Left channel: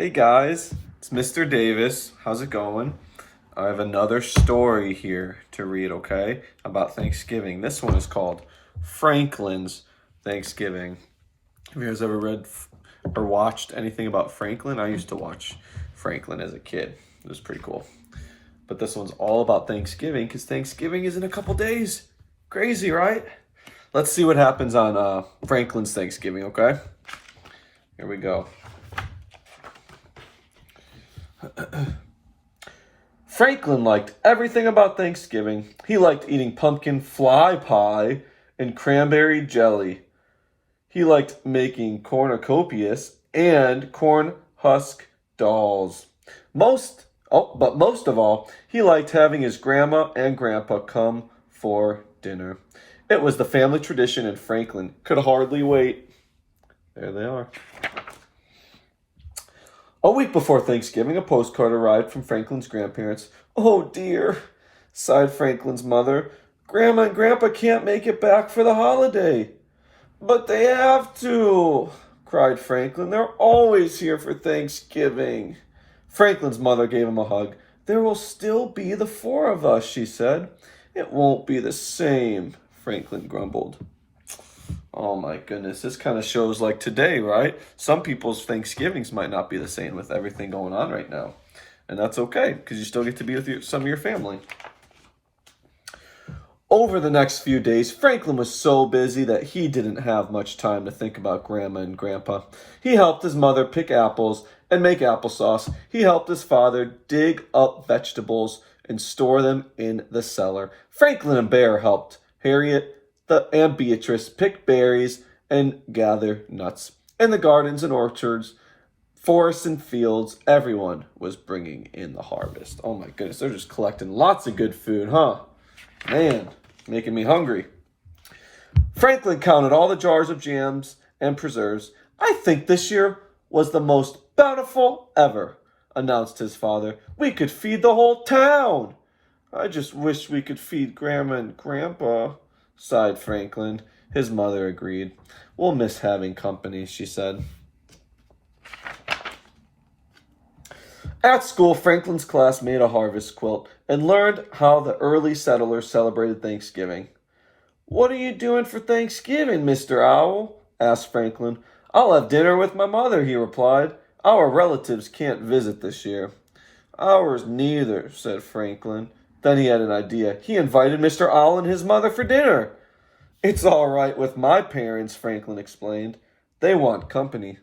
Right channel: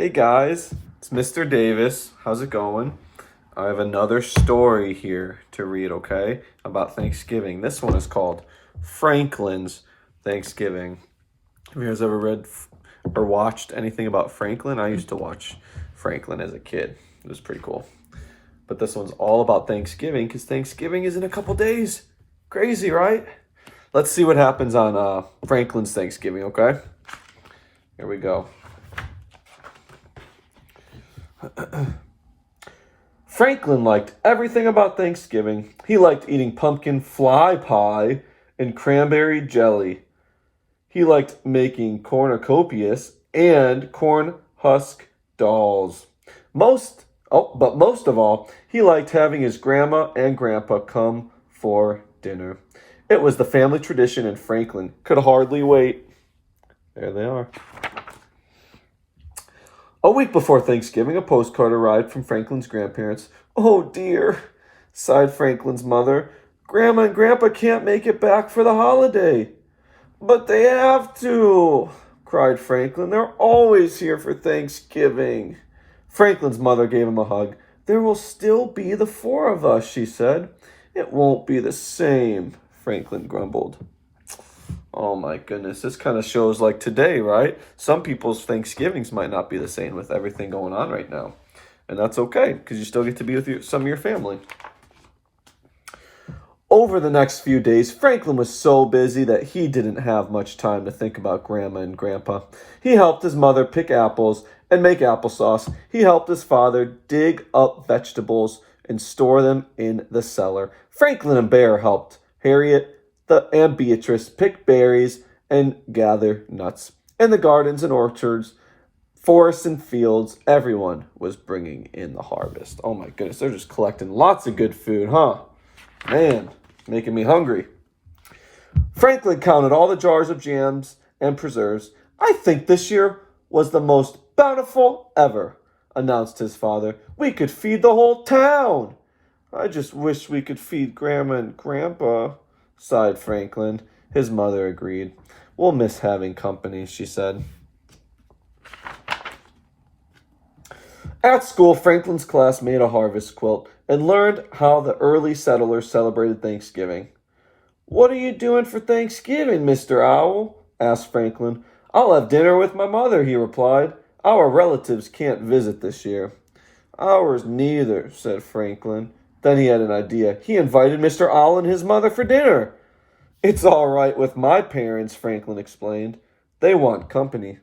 Hey guys, it's Mr. Davis. How's it going? I have another story here to read, okay? About Thanksgiving. This one is called Franklin's Thanksgiving. Have you guys ever read or watched anything about Franklin? I used to watch Franklin as a kid. It was pretty cool. But this one's all about Thanksgiving because Thanksgiving is in a couple days. Crazy, right? Let's see what happens on Franklin's Thanksgiving, okay? Here we go. Franklin liked everything about Thanksgiving. He liked eating pumpkin fly pie and cranberry jelly. He liked making cornucopias and corn husk dolls. But most of all, he liked having his grandma and grandpa come for dinner. It was the family tradition, and Franklin could hardly wait. There they are. A week before Thanksgiving, a postcard arrived from Franklin's grandparents. "Oh dear," sighed Franklin's mother. "Grandma and Grandpa can't make it back for the holiday." "But they have to," cried Franklin. "They're always here for Thanksgiving." Franklin's mother gave him a hug. "There will still be the four of us," she said. "It won't be the same," Franklin grumbled. Oh my goodness, this kind of shows like today, right? Some people's Thanksgivings might not be the same with everything going on right now. And that's okay, because you still get to be with some of your family. Over the next few days, Franklin was so busy that he didn't have much time to think about Grandma and Grandpa. He helped his mother pick apples and make applesauce. He helped his father dig up vegetables and store them in the cellar. Franklin and Bear helped Harriet and Beatrice pick berries and gather nuts. In the gardens and orchards, forests and fields, everyone was bringing in the harvest. Oh my goodness, they're just collecting lots of good food, huh? Man, making me hungry. Franklin counted all the jars of jams and preserves. "I think this year was the most bountiful ever," announced his father. "We could feed the whole town." "I just wish we could feed Grandma and Grandpa," sighed Franklin. His mother agreed. "We'll miss having company," she said. At school, Franklin's class made a harvest quilt and learned how the early settlers celebrated Thanksgiving. "What are you doing for Thanksgiving, Mr. Owl?" asked Franklin. "I'll have dinner with my mother," he replied. "Our relatives can't visit this year." "Ours neither," said Franklin. Then he had an idea. He invited Mr. Owl and his mother for dinner. "It's all right with my parents," Franklin explained. "They want company."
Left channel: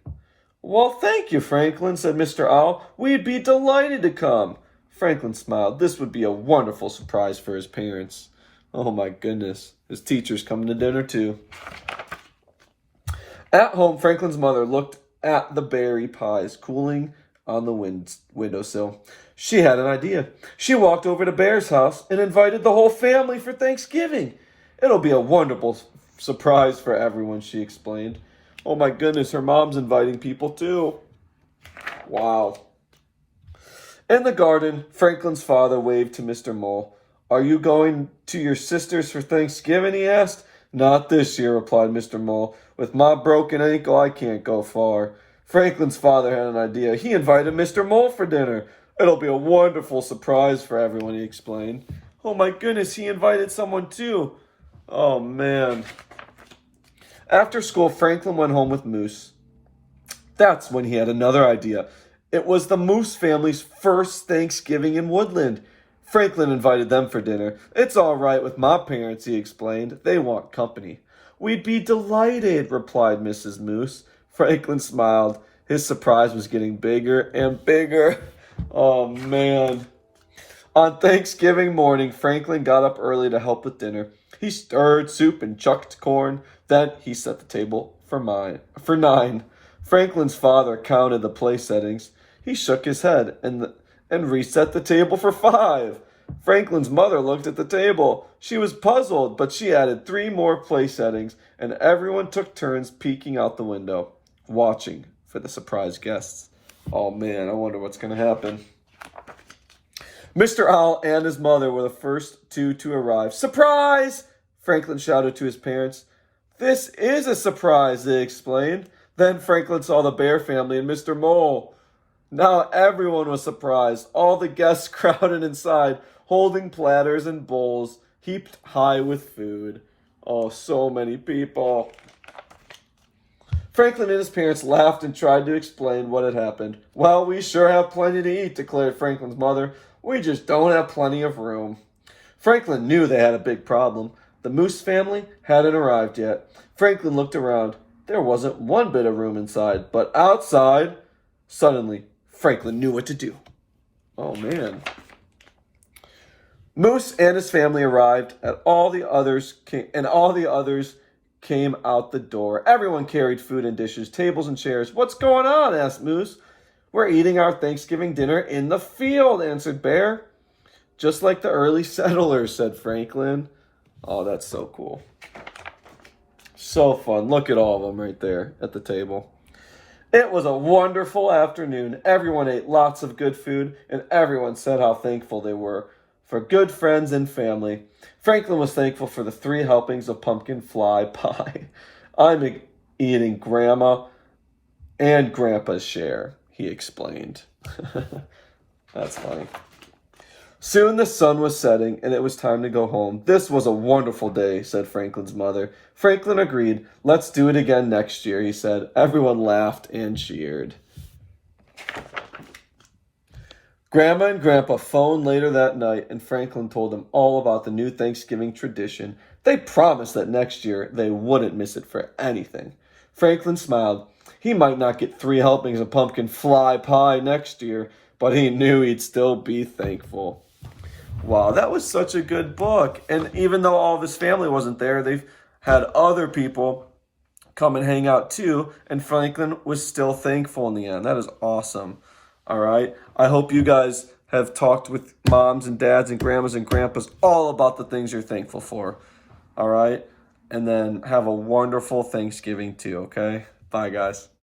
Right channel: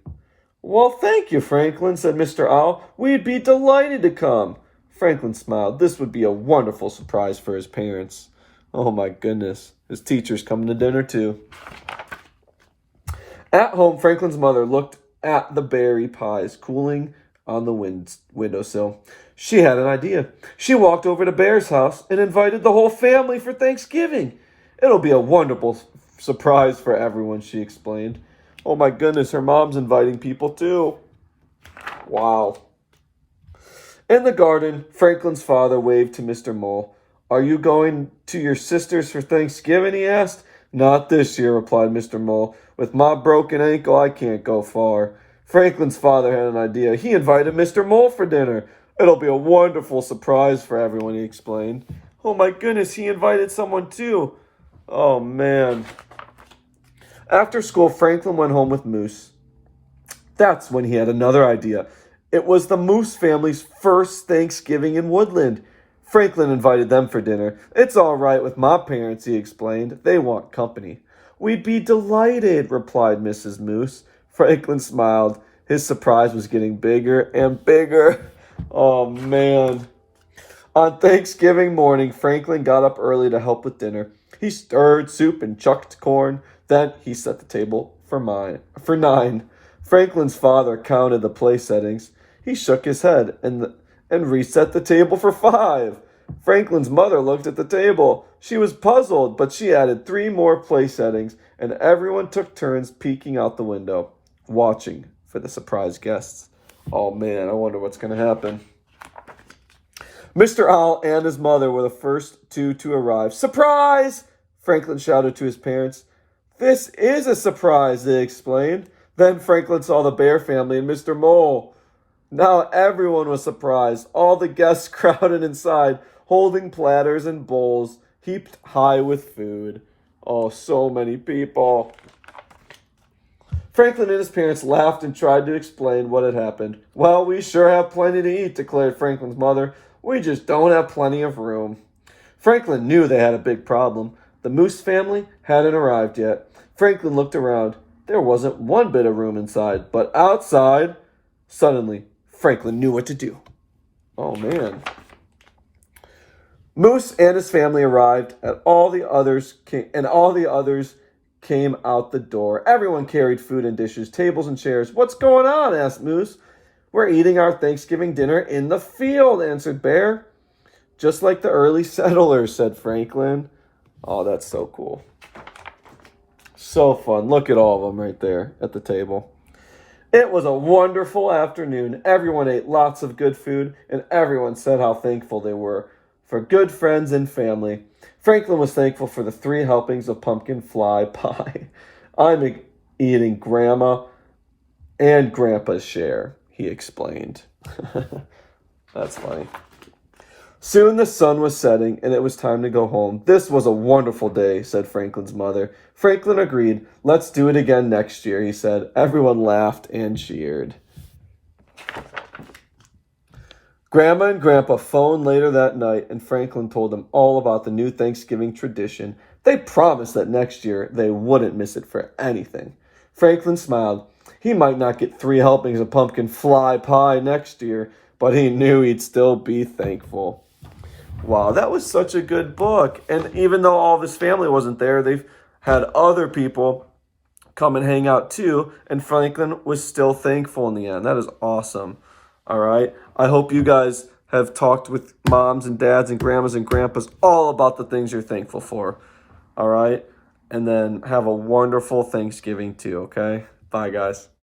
"Well, thank you, Franklin," said Mr. Owl. "We'd be delighted to come." Franklin smiled. This would be a wonderful surprise for his parents. Oh my goodness. His teacher's coming to dinner too. At home, Franklin's mother looked at the berry pies cooling on the windowsill. She had an idea. She walked over to Bear's house and invited the whole family for Thanksgiving. "It'll be a wonderful surprise for everyone," she explained. Oh my goodness, her mom's inviting people too. Wow. In the garden, Franklin's father waved to Mr. Mole. "Are you going to your sister's for Thanksgiving?" he asked. "Not this year," replied Mr. Mole. "With my broken ankle, I can't go far." Franklin's father had an idea. He invited Mr. Mole for dinner. "It'll be a wonderful surprise for everyone," he explained. Oh my goodness, he invited someone too. Oh man. After school, Franklin went home with Moose. That's when he had another idea. It was the Moose family's first Thanksgiving in Woodland. Franklin invited them for dinner. "It's all right with my parents," he explained. "They want company." "We'd be delighted," replied Mrs. Moose. Franklin smiled. His surprise was getting bigger and bigger. Oh, man. On Thanksgiving morning, Franklin got up early to help with dinner. He stirred soup and chucked corn. Then he set the table for 9. Franklin's father counted the place settings. He shook his head and reset the table for 5. Franklin's mother looked at the table. She was puzzled, but she added 3 more place settings, and everyone took turns peeking out the window, watching for the surprise guests. Oh man, I wonder what's going to happen. Mr. Owl and his mother were the first 2 to arrive. "Surprise!" Franklin shouted to his parents. "This is a surprise," they explained. Then Franklin saw the bear family and Mr. Mole. Now everyone was surprised. All the guests crowded inside, holding platters and bowls heaped high with food. Oh, so many people. Franklin and his parents laughed and tried to explain what had happened. Well, we sure have plenty to eat, declared Franklin's mother. We just don't have plenty of room. Franklin knew they had a big problem. The Moose family hadn't arrived yet. Franklin looked around. There wasn't one bit of room inside, but outside, suddenly, Franklin knew what to do. Oh, man. Moose and his family arrived, and all the others came out the door. Everyone carried food and dishes, tables and chairs. What's going on? Asked Moose. We're eating our Thanksgiving dinner in the field, answered Bear. Just like the early settlers, said Franklin. Oh, that's so cool. So fun. Look at all of them right there at the table. It was a wonderful afternoon. Everyone ate lots of good food, and everyone said how thankful they were for good friends and family. Franklin was thankful for the 3 helpings of pumpkin fly pie. I'm eating Grandma and Grandpa's share, he explained. That's funny. Soon the sun was setting, and it was time to go home. This was a wonderful day, said Franklin's mother. Franklin agreed. Let's do it again next year, he said. Everyone laughed and cheered. Grandma and Grandpa phoned later that night, and Franklin told them all about the new Thanksgiving tradition. They promised that next year they wouldn't miss it for anything. Franklin smiled. He might not get 3 helpings of pumpkin fly pie next year, but he knew he'd still be thankful. Wow, that was such a good book. And even though all of his family wasn't there, they've had other people come and hang out too, and Franklin was still thankful in the end. That is awesome. All right. I hope you guys have talked with moms and dads and grandmas and grandpas all about the things you're thankful for. All right. And then have a wonderful Thanksgiving too. Okay. Bye, guys.